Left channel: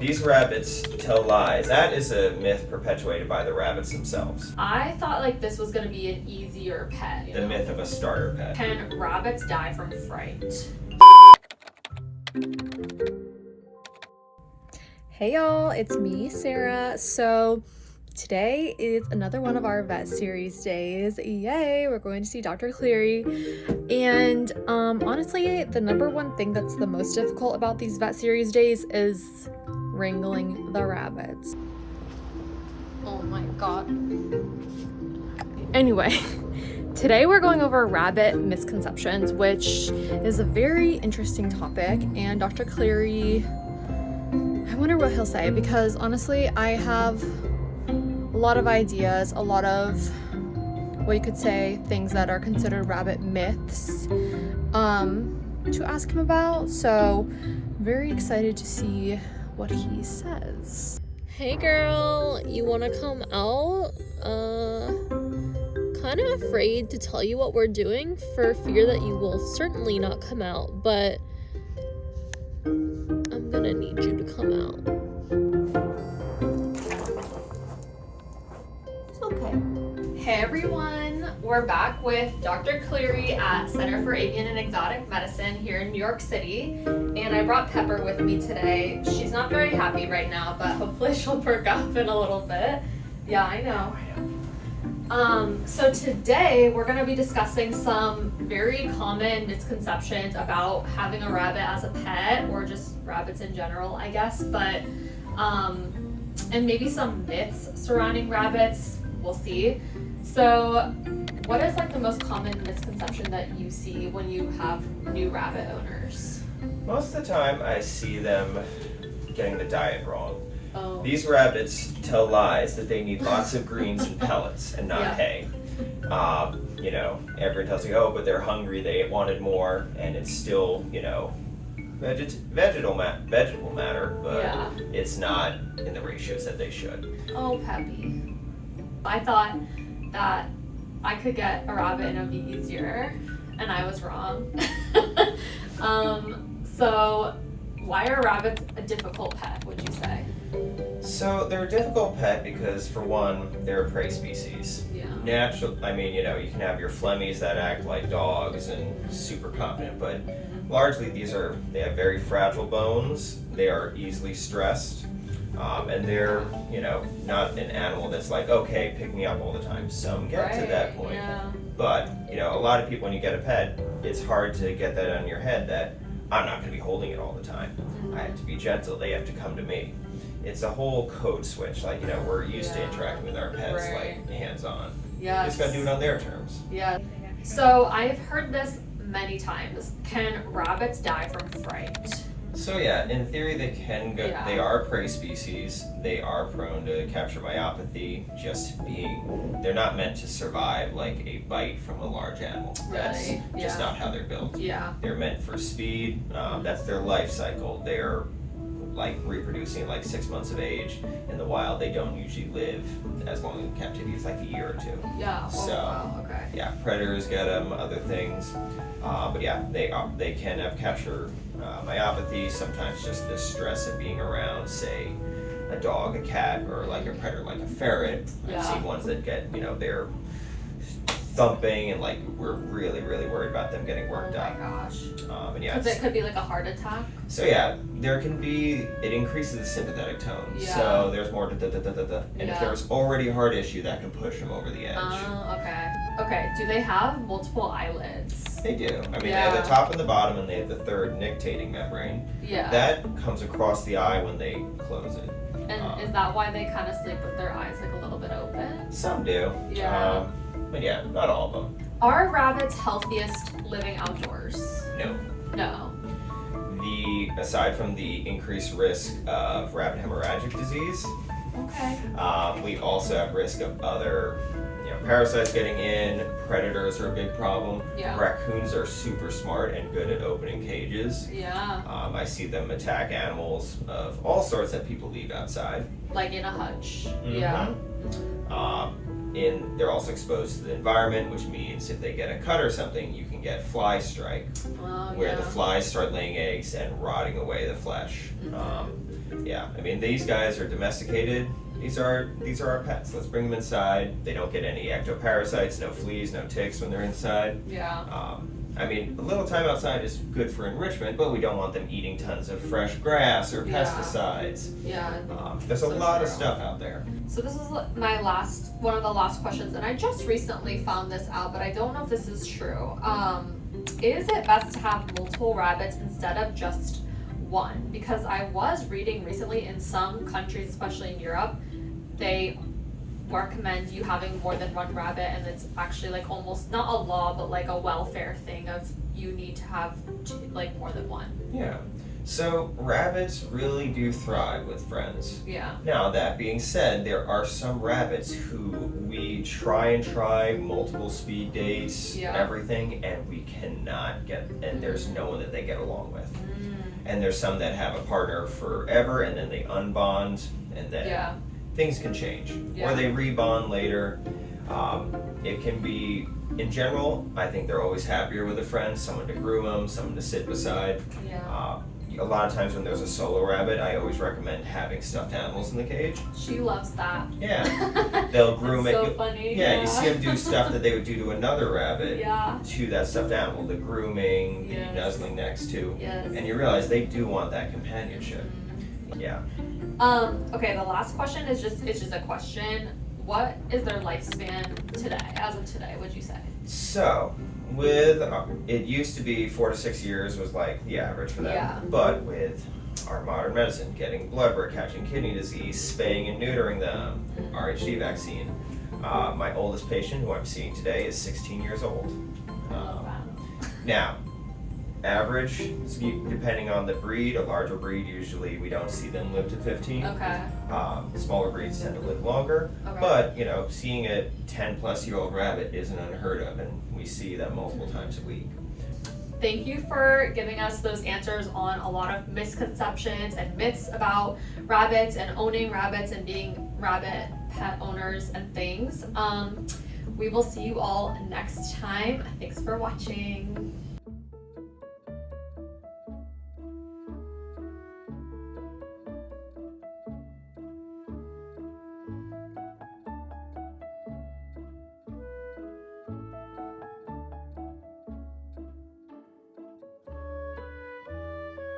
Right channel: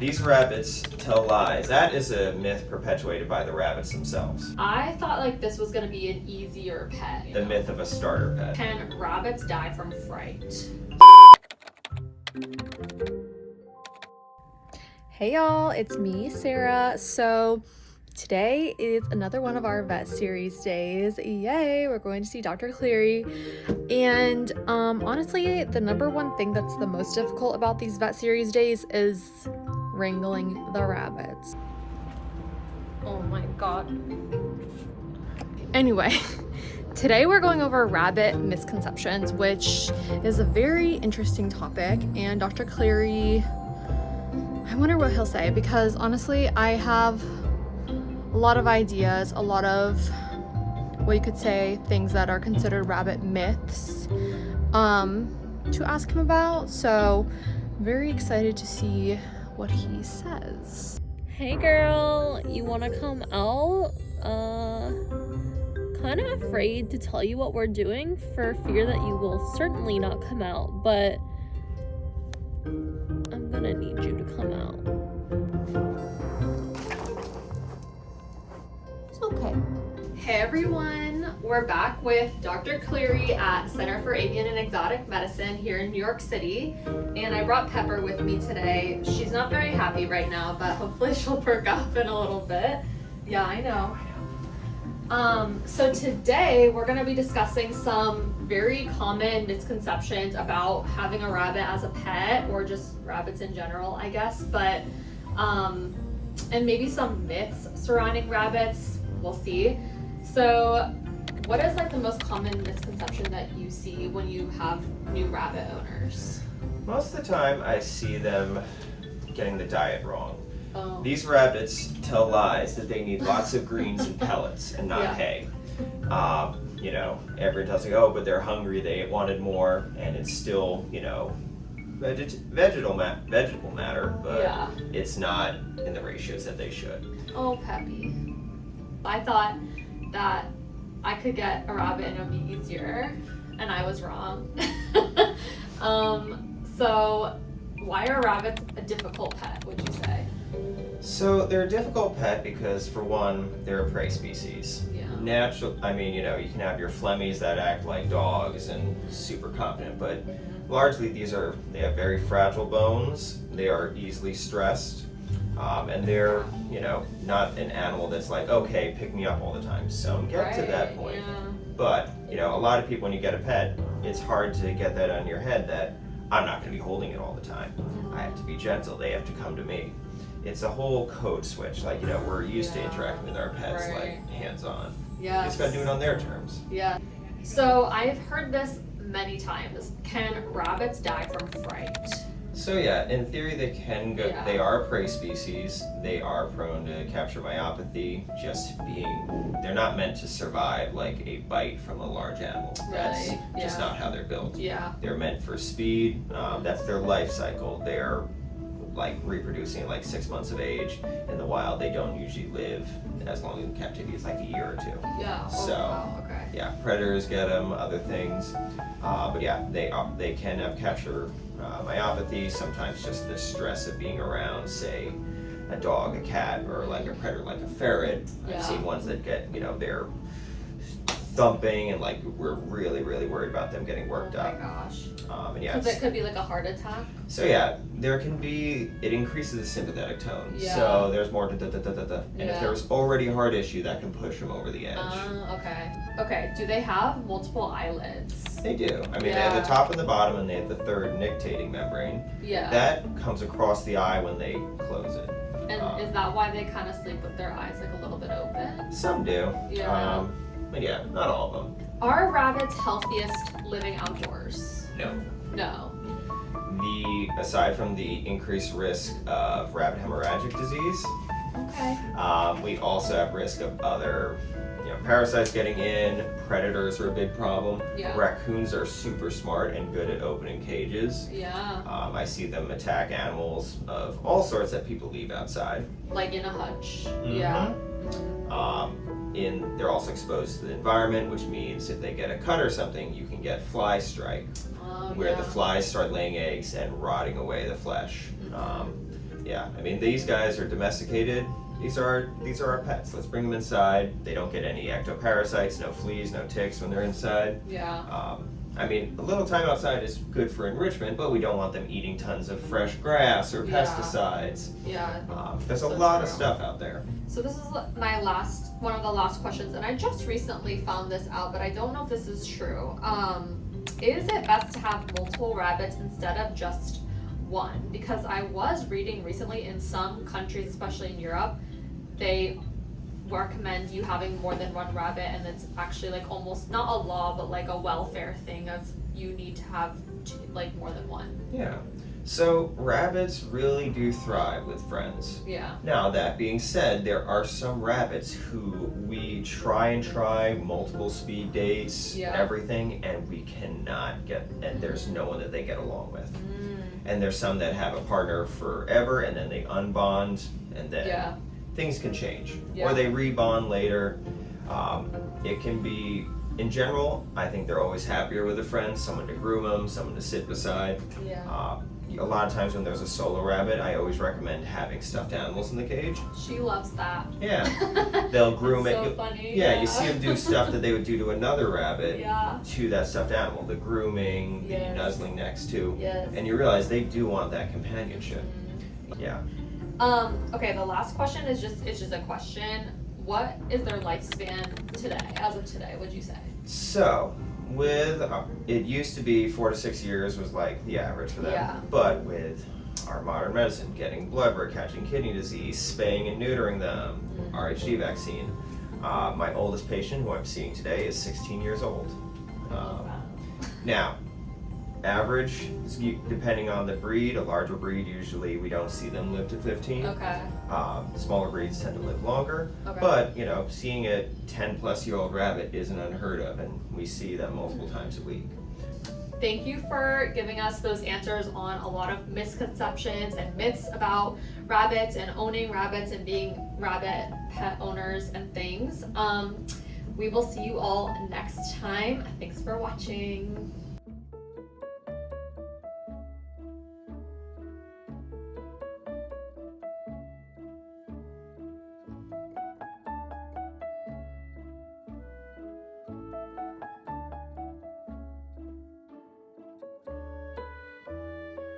These rabbits tell lies. That is a myth perpetuated by the rabbits themselves. I thought like this was gonna be an easier pet. The myth of a starter pet. Can rabbits die from fright? Hey y'all, it's me, Sarah. So today is another one of our vet series days. Yay, we're going to see Dr. Cleary. And honestly, the number one thing that's the most difficult about these vet series days is wrangling the rabbits. Oh my god. Anyway, today we're going over rabbit misconceptions, which is a very interesting topic, and Dr. Cleary, I wonder what he'll say, because honestly I have a lot of ideas, a lot of what you could say things that are considered rabbit myths to ask him about, so very excited to see what he says. Hey girl, you wanna come out? Kind of afraid to tell you what we're doing for fear that you will certainly not come out, but I'm gonna need you to come out. It's okay. Hey everyone, we're back with Dr. Cleary at Center for Avian and Exotic Medicine here in New York City, and I brought Pepper with me today. She's not very happy right now, but hopefully she'll perk up in a little bit. Yeah, I know. So today we're going to be discussing some very common misconceptions about having a rabbit as a pet, or just rabbits in general, I guess, but and maybe some myths surrounding rabbits. We'll see. So what is like the most common misconception that you see when you have new rabbit owners? Most of the time I see them getting the diet wrong. Oh. These rabbits tell lies that they need lots of greens and pellets and not Yeah. hay. You know, everyone tells me, oh, but they're hungry, they wanted more, and it's still, you know, vegetable matter, but Yeah. it's not in the ratios that they should. Oh, Peppy. I thought that I could get a rabbit and it would be easier, and I was wrong. So why are rabbits a difficult pet, would you say? So they're a difficult pet because, for one, they're a prey species. Yeah. I mean, you know, you can have your Flemmies that act like dogs and super confident, but largely they have very fragile bones, they are easily stressed, and they're, you know, not an animal that's like, okay, pick me up all the time. Some get to that point. Yeah. But, you know, a lot of people, when you get a pet, it's hard to get that on your head that I'm not going to be holding it all the time. I have to be gentle, they have to come to me. It's a whole code switch, like, you know, we're used to interacting with our pets, Right. like, hands-on. Yes. You just gotta do it on their terms. Yeah. So I've heard this many times. Can rabbits die from fright? So yeah, in theory they can go, Yeah. they are prey species, they are prone to capture myopathy, they're not meant to survive like a bite from a large animal. That's Right, just yeah. not how they're built. Yeah. They're meant for speed, that's their life cycle. They're like reproducing like 6 months of age. In the wild, they don't usually live as long in captivity, it's like a year or two. Yeah. Oh, So, wow. Okay. Yeah, predators get them, other things, but yeah, they can have capture myopathy. Sometimes just the stress of being around, say, a dog, a cat, or like a predator like a ferret. Yeah. I've seen ones that get, you know, they're thumping, and like we're really worried about them getting worked Oh my up. gosh. And yeah, Because it could be like a heart attack. so yeah, it increases the sympathetic tone. Yeah. So there's more da-da-da-da-da. And if Yeah. there was already a heart issue, that can push them over the edge. Okay. Okay. Do they have multiple eyelids? They do. I mean, they have the Yeah. top and the bottom, and they have the third nictating membrane. Yeah. That comes across the eye when they close it. And is that why they kind of sleep with their eyes like a little bit open? Some do. Yeah. But yeah, not all of them. Are rabbits healthiest living outdoors? No. No. Aside from the increased risk of rabbit hemorrhagic disease, Okay. we also have risk of other parasites getting in. Predators are a big problem. Yeah. Raccoons are super smart and good at opening cages. Yeah. I see them attack animals of all sorts that people leave outside. Like in a hutch. Mhm. Yeah. They're also exposed to the environment, which means if they get a cut or something, you can get fly strike, Oh, where yeah. the flies start laying eggs and rotting away the flesh. Yeah, I mean, these guys are domesticated. These are our pets. Let's bring them inside. They don't get any ectoparasites, no fleas, no ticks when they're inside. Yeah. I mean, a little time outside is good for enrichment, but we don't want them eating tons of fresh grass or Yeah. pesticides. Yeah. There's a So lot of true. stuff out there. So this is one of the last questions, and I just recently found this out, but I don't know if this is true. Is it best to have multiple rabbits instead of just one? Because I was reading recently in some countries, especially in Europe, they recommend you having more than one rabbit, and it's actually like almost not a law, but like a welfare thing of you need to have like more than one. Yeah. So rabbits really do thrive with friends. Yeah. Now, that being said, there are some rabbits who we try multiple speed dates, Yeah. everything, and we cannot get, and there's no one that they get along with. Mm. And there's some that have a partner forever, and then they unbond, and then Yeah. things can change. Yeah. Or they rebond later. It can be, in general, I think they're always happier with a friend, someone to groom them, someone to sit beside. Yeah. A lot of times when there's a solo rabbit, I always recommend having stuffed animals in the cage. She loves that. Yeah. They'll groom That's it. so funny. Yeah, you see them do stuff that they would do to another rabbit Yeah. to that stuffed animal. The grooming, Yes. the nuzzling next to. Yes. And you realize they do want that companionship. Yeah. Okay, the last question is just a question. What is their lifespan today, as of today, would you say? So, with it used to be 4 to 6 years was like the average for them. Yeah. But with our modern medicine, getting blood work, catching kidney disease, spaying and neutering them, RHD vaccine. My oldest patient, who I'm seeing today, is 16 years old. Wow. Now, average, depending on the breed, a larger breed, usually we don't see them live to 15. Okay. Smaller breeds tend to live longer. Okay. But, seeing a 10-plus-year-old rabbit isn't unheard of, and we see them multiple times a week. Thank you for giving us those answers on a lot of misconceptions and myths about rabbits and owning rabbits and being rabbit pet owners and things. We will see you all next time. Thanks for watching.